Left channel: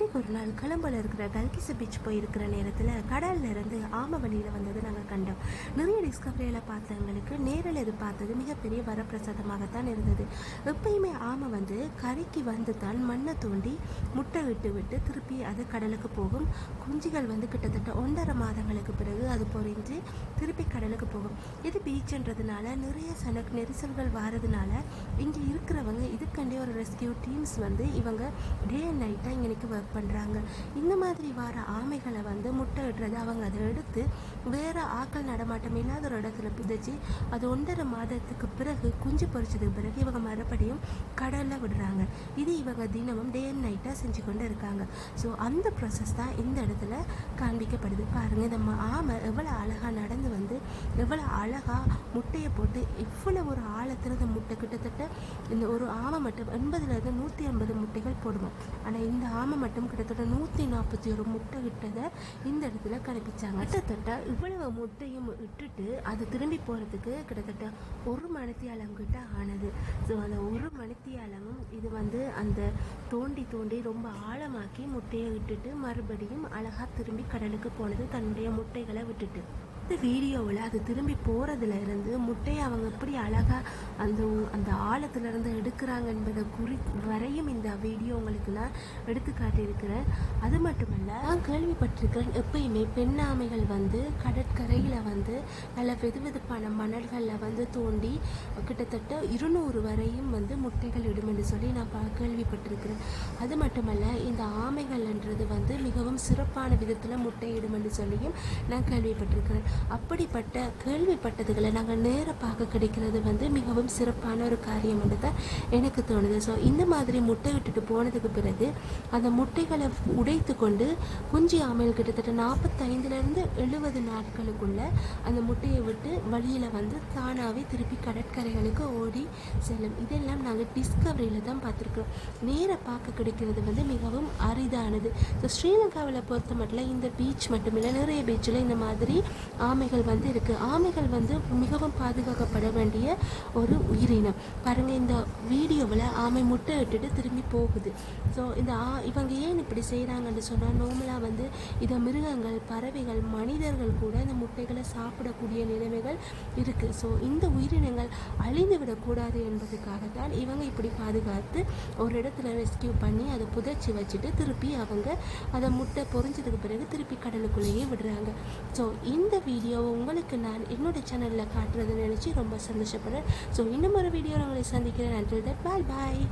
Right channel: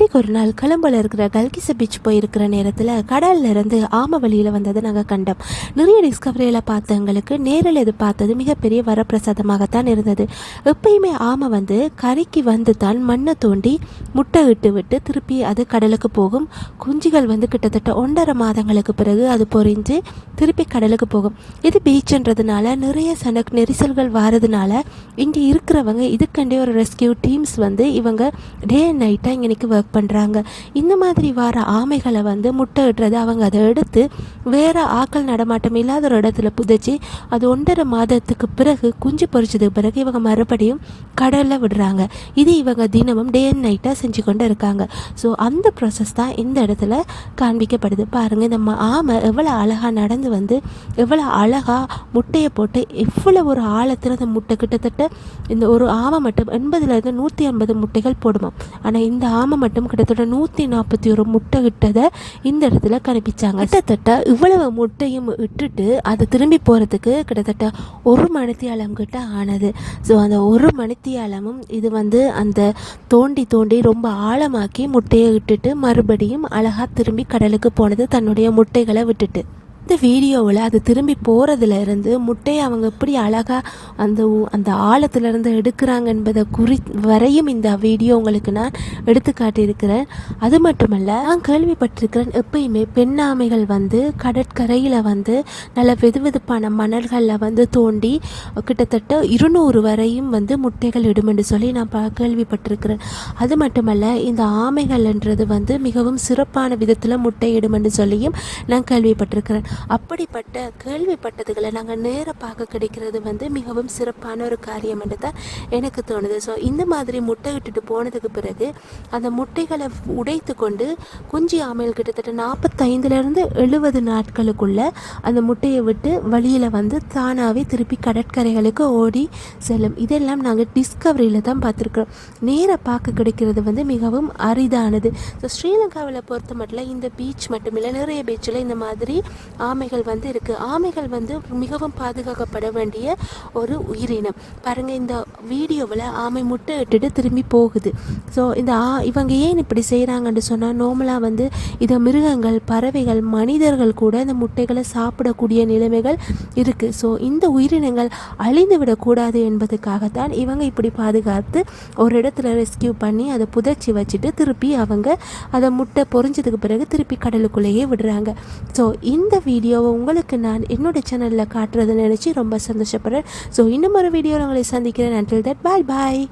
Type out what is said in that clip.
அன்றைக்கு ஒரு நாள் கொலம்பில் இருக்கிற கல்கிச பீச் போயிருக்கிற நேரத்தில் கடல்ல இருந்து ஆம வழியில் வந்ததை நாங்கள் கண்டோம். நிறைய டிஸ்கவரியில் பார்த்தவங்களுக்கு நேரில் இது பார்த்தது மிகப்பெரிய வரப்பிரசாதமாகத்தான் இருந்தது. எப்பயுமே ஆமை வந்து கரைக்கு வந்து தான் மண்ணை தோண்டி முட்டை இட்டு விட்டு திருப்பி அது கடலுக்கு போகும். குஞ்சுகள் வந்து கிட்டத்தட்ட ஒன்றரை மாதங்களுக்கு பிறகு அது பொரிஞ்சு திருப்பி கடலுக்கு போகும். இது பீச்ன்றதுனால நிறைய சன நெரிசல்கள் வாரதுனால இங்கே இருக்கிறவங்க இதுக்கண்டே ஒரு ரெஸ்கியூ டீம்ஸ் வந்து இவங்க டே அண்ட் நைட்டாக இங்கே ஒர்க் பண்ணுறாங்க இந்த மாதிரி வர ஆமைகளை வந்து முட்டை இடுறது அவங்க அதை எடுத்து வேறு ஆக்கள் நடமாட்டம் இல்லாத ஒரு இடத்துல புதைச்சி அது ஒன்றரை மாதத்துக்கு பிறகு குஞ்சு பொறிச்சதுக்கு பிறகு இவங்க மறுபடியும் கடலில் விடுறாங்க. இது இவங்க தினமும் டே அண்ட் நைட்டாக செஞ்சு கொண்டு இருக்காங்க. ஸோ அந்த ப்ராசஸ் தான் இந்த இடத்துல காண்பிக்கப்படுது. பாருங்கள் இந்த ம- ஆமை எவ்வளோ அழகாக நடந்து வந்து எவ்வளோ அழகாக முட்டையை போட்டு எவ்வளோ ஒரு ஆழத்தில் அந்த முட்டை கிட்டத்தட்ட இந்த ஒரு ஆமை மட்டும் எண்பதுலேருந்து நூற்றி ஐம்பது முட்டைகள் போடுமா ஆனால் இந்த ஆமை மட்டும் கிட்டத்தட்ட நூற்றி நாற்பத்தி ஒரு முட்டை இட்டதை இந்த இடத்துல கணிப்பிச்சாங்க. கிட்டத்தட்ட இவ்வளவு முட்டையும் இட்டுட்டு அது திரும்பி போகிறதுக்கு கிட்டத்தட்ட ஒரு மணித்தியாலம் கிட்ட ஆனது. ஸோ அந்த ஒரு மணித்தியாலமும் இது வந்து அந்த தோண்டி தோண்டி ரொம்ப ஆழமாக்கி முட்டையை இட்டுட்டு மறுபடியும் அழகாக திரும்பி கடலுக்கு போனது தன்னுடைய முட்டைகளை விட்டுட்டு. அடுத்த வீடியோவில் அது திரும்பி போகிறதுல இருந்து முட்டையை அவங்க எப்படி அழகாக அந்த அந்த ஆழத்துலேருந்து எடுக்கிறாங்க என்பதை குறி வரையும் இந்த வீடியோ உங்களுக்கு நான் எடுத்து காட்டியிருக்கிறேன். அது மட்டுமல்ல நான் கேள்விப்பட்டிருக்கிறேன் எப்பயுமே பெண்ணாமைகள் வந்து கடற்கரையில் வந்து நல்ல வெதுவெதுப்பான மணல்களில் வந்து தோண்டி கிட்டத்தட்ட இருநூறு வரையும் வந்து முட்டைகள் இடும் என்று சொல்லி நான் ப கேள்விப்பட்டிருக்கிறேன். அது மட்டுமல்ல இந்த ஆமைகள்ன்றது வந்து மிகவும் சிறப்பான விதத்தில் முட்டையிடும் என்று சொல்லியும் நான் கேள்விப்பட்டிருக்கிறேன். அப்படிப்பட்ட கேள்விப்பட்டதுகளை நாங்கள் நேராக பார்க்க கிடைக்கிறது வந்து மிகவும் சிறப்பான ஒரு காரியம் என்று தான் எனக்கு தோணுது. ஸோ இந்த மாதிரி முட்டை விட்டுட்டு போனதுக்கு பிறகு அந்த முட்டைகளை உடைத்து கொண்டு குஞ்சு ஆமையில் கிட்டத்தட்ட நாற்பத்தைந்துலேருந்து எழுபது நாட்களுக்குள்ள அந்த முட்டையை விட்டு வழியில் வந்து தானாகவே திருப்பி கடற்கரைகளுக்கு ஓடி செல்லும். இதெல்லாம் நாங்கள் டிஸ்கவரியில் தான் பார்த்துருக்குறோம் நேராக பார்க்க கிடைக்கிறது வந்து மிகவும் அரிதானது. ஸோ ஸ்ரீலங்காவில் பொறுத்த மட்டும் இந்த பீச் மட்டுமில்லை நிறைய பீச்சில் இந்த மாதிரி ஆமைகள் வந்து இருக்குது ஆமைகள் வந்து மிகவும் பாதுகாக்கப்பட வேண்டிய ஒரு உயிரினம். பாருங்கள் இந்த வீடியோவில் ஆமை முட்டை இட்டுட்டு திரும்பி போகுது. ஸோ இந்த ஆ இவங்க ஏன் இப்படி செய்கிறாங்கன்னு சொன்னால் நார்மலாக வந்து இதை மிருகங்கள் பறவைகள் மனிதர்கள் கூட இந்த முட்டைகளை சாப்பிடக்கூடிய நிலைமைகள் இருக்குது ஸோ இந்த உயிரினங்கள் அழிந்து விடக்கூடாது என்பதுக்காகத்தான் இவங்க இப்படி பாதுகாத்து ஒரு இடத்துல ரெஸ்கியூ பண்ணி அதை புதைச்சி வச்சுட்டு திருப்பி அவங்க அதை முட்டை பொறிஞ்சதுக்கு பிறகு திருப்பி கடலுக்குள்ளேயே விடுறாங்க. ஸோ இந்த வீடியோவை உங்களுக்கு நான் என்னோட சேனலில் காட்டுறதை நினச்சி ரொம்ப சந்தோஷப்படுறேன். ஸோ இன்னும் ஒரு வீடியோவில் உங்களை சந்திக்கிறேன். Until that boy bye